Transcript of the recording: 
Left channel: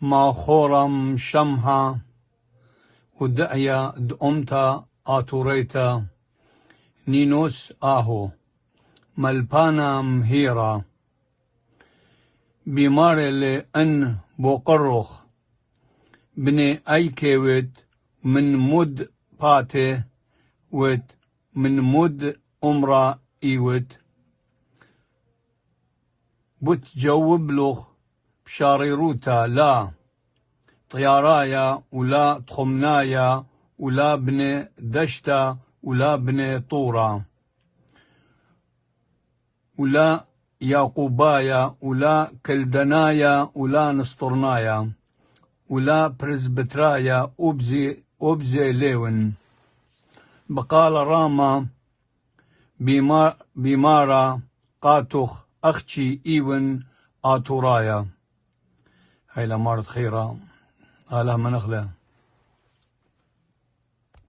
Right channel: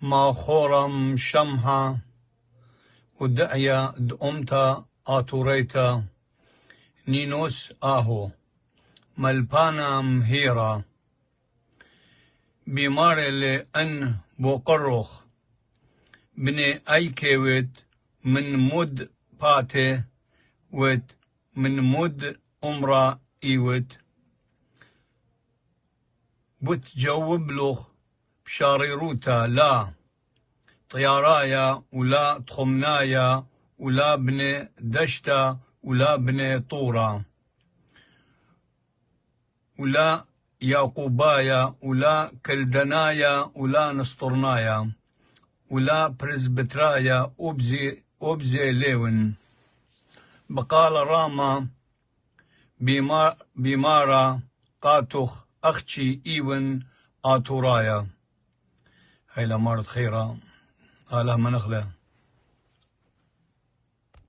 ما خورم شمها ودعيا دأمتا آتوريتا نينوس آهو ملبانا مهيرا بيمار لأن بوقرخ بني أيكيوت من مد باتي وت من مد أمرا إيوت بتجوب لخ بشاريروتا لا طيارايا ولا تخمنايا ولا بني دشتا ولا بني طورا ولا يعقوبايا ولا كلدنايا ولا نسطرنايا ولا برزبترايا أبزي ليون بقال راما بيمارا قاتخ أختي إيون آتورايا هاي لمارت خيرا آلا منخله